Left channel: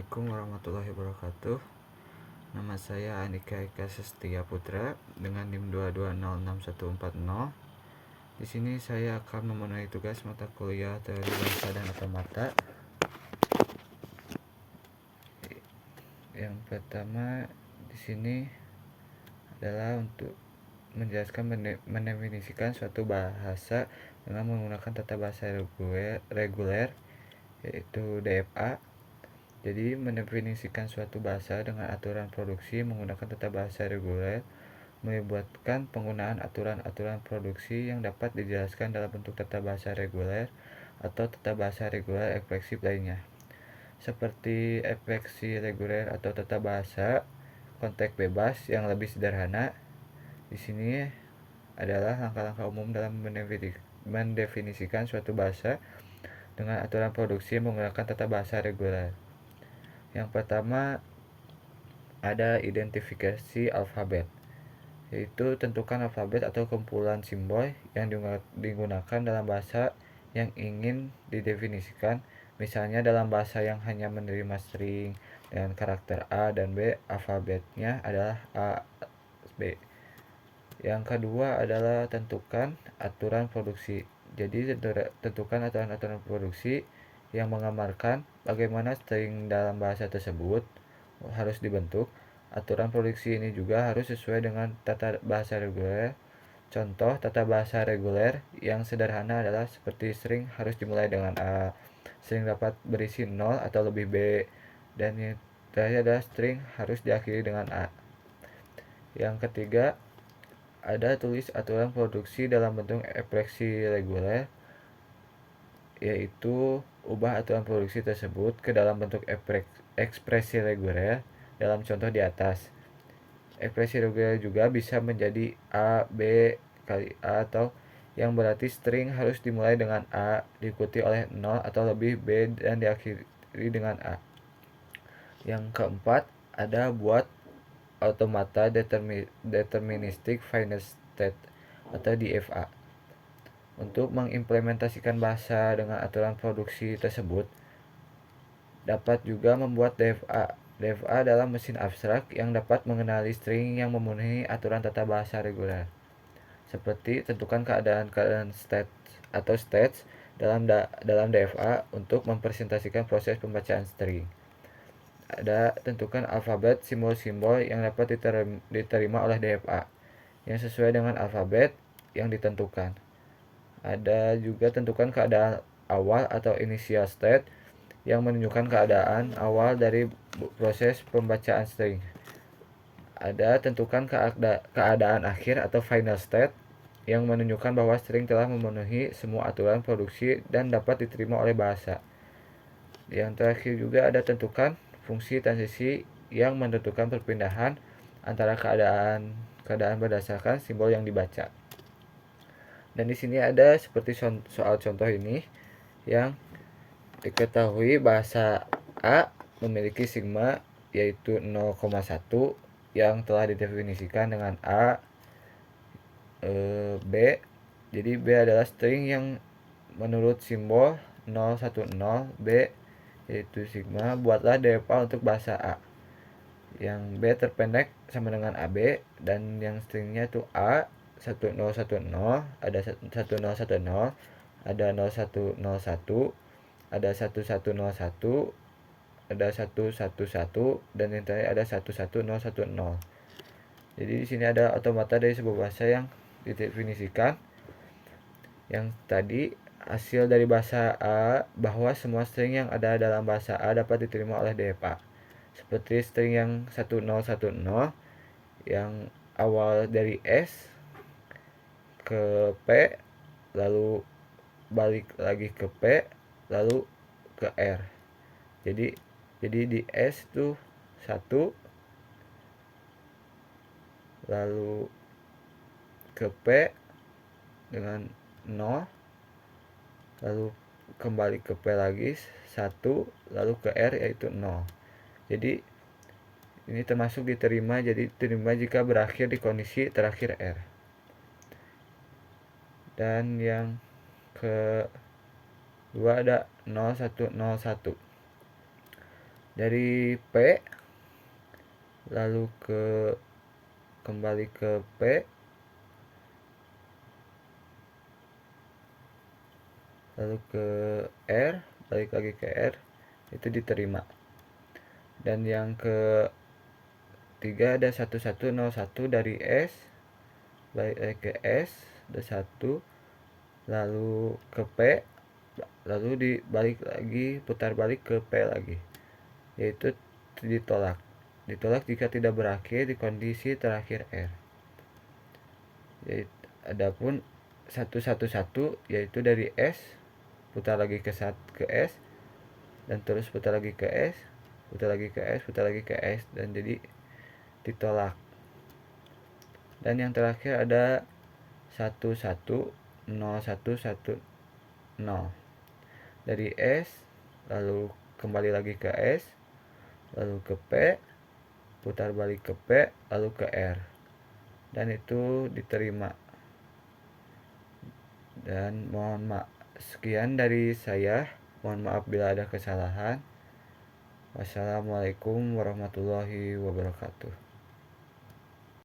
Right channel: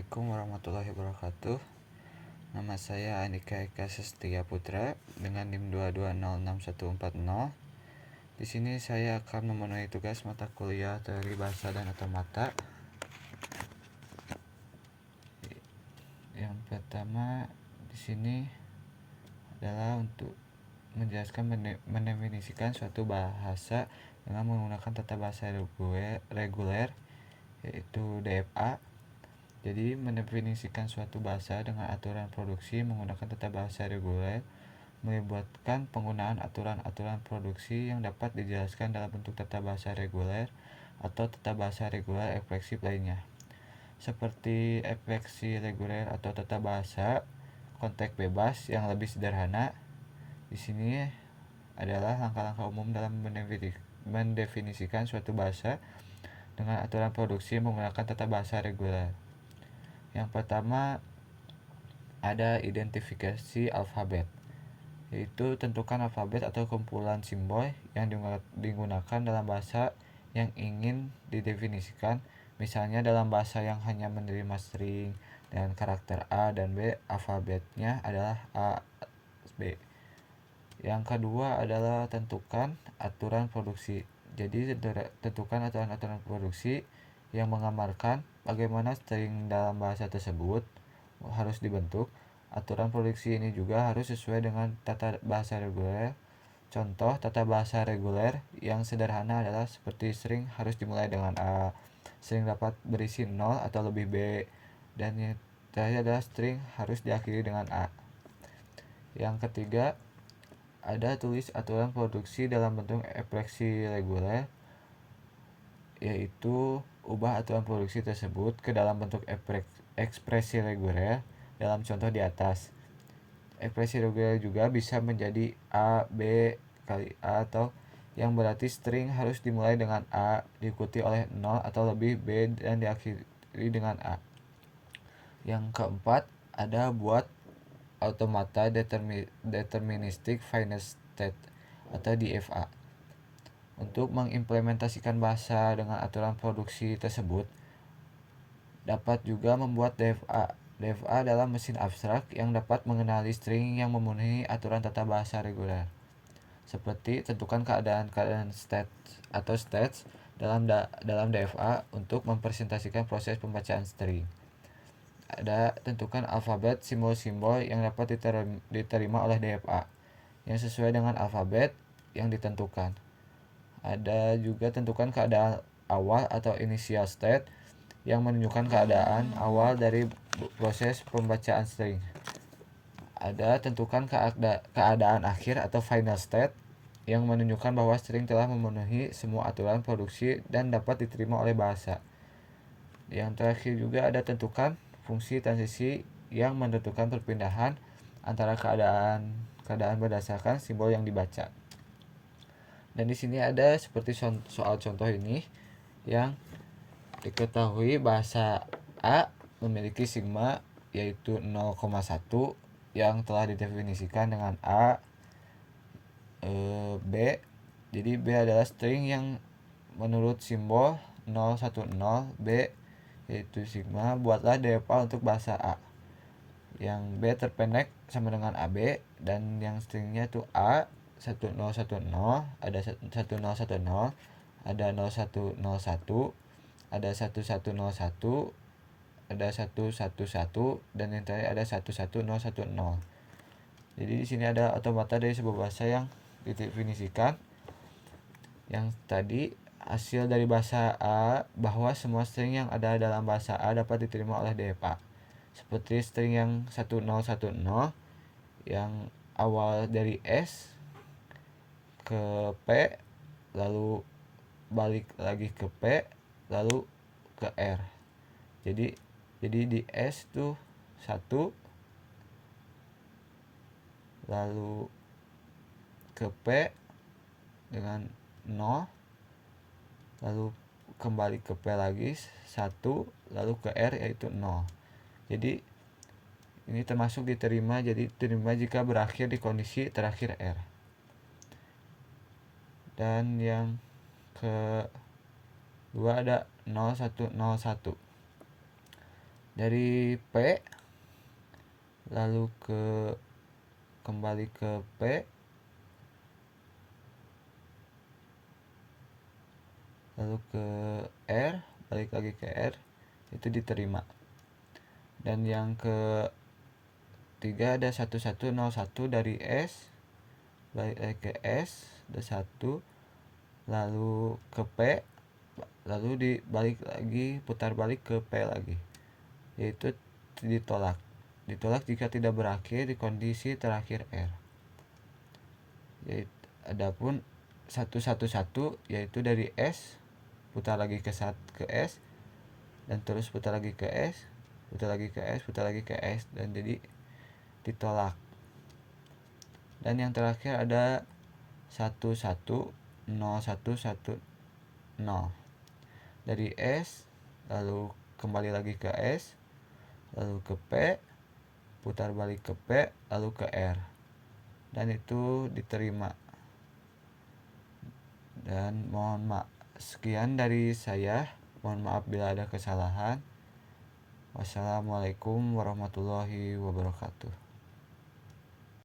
Assalamualaikum warahmatullahi wabarakatuh. Nama saya Andika Eka Sestia Putra dengan NIM 2206140. Di sini saya akan memenuhi tugas mata kuliah Teori Bangsa dan Otomata. Yang pertama di sini adalah untuk menjelaskan mendefinisikan suatu bahasa dengan menggunakan tata bahasa reguler yaitu DFA. Jadi, mendefinisikan suatu bahasa dengan aturan produksi menggunakan tata bahasa reguler melibatkan penggunaan aturan-aturan produksi yang dapat dijelaskan dalam bentuk tata bahasa reguler atau tata bahasa reguler ekspresif lainnya. Seperti ekspresi reguler atau tata bahasa konteks bebas yang lebih sederhana. Di sini adalah langkah-langkah umum dalam mendefinisikan suatu bahasa dengan aturan produksi menggunakan tata bahasa reguler. Yang pertama ada identifikasi alfabet, yaitu tentukan alfabet atau kumpulan simbol yang digunakan dalam bahasa yang ingin didefinisikan. Misalnya dalam bahasa yang hanya menerima string dengan karakter A dan B, alfabetnya adalah A, B. Yang kedua adalah tentukan aturan produksi. Jadi tentukan aturan-aturan produksi yang menggambarkan bagaimana string dalam bahasa tersebut harus dibentuk. Aturan produksi ini juga harus sesuai dengan tata bahasa reguler. Contoh tata bahasa reguler yang sederhana adalah seperti string harus dimulai dengan A, string dapat berisi 0 atau lebih B, dan yang terakhir adalah string harus diakhiri dengan A. Yang ketiga ada tulis aturan produksi dalam bentuk ekspresi reguler, yaitu ubah aturan produksi tersebut ke dalam bentuk ekspresi reguler dalam contoh di atas. Ekspresi reguler juga bisa menjadi A, B kali A, atau yang berarti string harus dimulai dengan A, diikuti oleh 0 atau lebih B, dan diakhiri dengan A. Yang keempat ada buat automata deterministic final state atau DFA. Untuk mengimplementasikan bahasa dengan aturan produksi tersebut, dapat juga membuat DFA. DFA adalah mesin abstrak yang dapat mengenali string yang memenuhi aturan tata bahasa reguler. Seperti tentukan keadaan state atau states dalam DFA untuk mempresentasikan proses pembacaan string. Ada tentukan alfabet simbol-simbol yang dapat diterima oleh DFA yang sesuai dengan alfabet yang ditentukan. Ada juga tentukan keadaan awal atau initial state yang menunjukkan keadaan awal dari proses pembacaan string. Ada tentukan keadaan akhir atau final state yang menunjukkan bahwa string telah memenuhi semua aturan produksi dan dapat diterima oleh bahasa. Yang terakhir juga ada tentukan fungsi transisi yang menentukan perpindahan antara keadaan berdasarkan simbol yang dibaca. Dan di sini ada seperti soal contoh ini yang diketahui bahasa A memiliki sigma yaitu 0,1 yang telah didefinisikan dengan A, B. Jadi B adalah string yang menurut simbol 010 B yaitu sigma. Buatlah DFA untuk bahasa A. Yang B terpendek sama dengan AB, dan yang stringnya itu A 1010, ada 1010, ada 0101, ada 1101, ada 111, dan yang terakhir ada 11010. Jadi di sini ada automata dari sebuah bahasa yang didefinisikan. Yang tadi hasil dari bahasa A bahwa semua string yang ada dalam bahasa A dapat diterima oleh DFA. Seperti string yang 1010 yang awal dari S ke P, lalu balik lagi ke P, lalu ke R. Jadi di S itu 1, lalu ke P dengan 0, lalu kembali ke P lagi 1, lalu ke R yaitu 0. Jadi ini termasuk diterima, jadi diterima jika berakhir di kondisi terakhir R. Dan yang kedua ada 0101. dari P lalu kembali ke P, lalu ke R, balik lagi ke R, itu diterima. Dan yang ketiga ada 1101 dari S, balik lagi ke S, ada 1, lalu ke P, lalu dibalik lagi, putar balik ke P lagi, yaitu ditolak. Ditolak jika tidak berakhir di kondisi terakhir R. Adapun 111 yaitu dari S, putar lagi ke S, dan terus putar lagi ke S, putar lagi ke S, putar lagi ke S, dan jadi ditolak. Dan yang terakhir ada 110110 dari S, lalu kembali lagi ke S, lalu ke P, putar balik ke P, lalu ke R, dan itu diterima. Dan mohon maaf, sekian dari saya, mohon maaf bila ada kesalahan. Wassalamualaikum warahmatullahi wabarakatuh.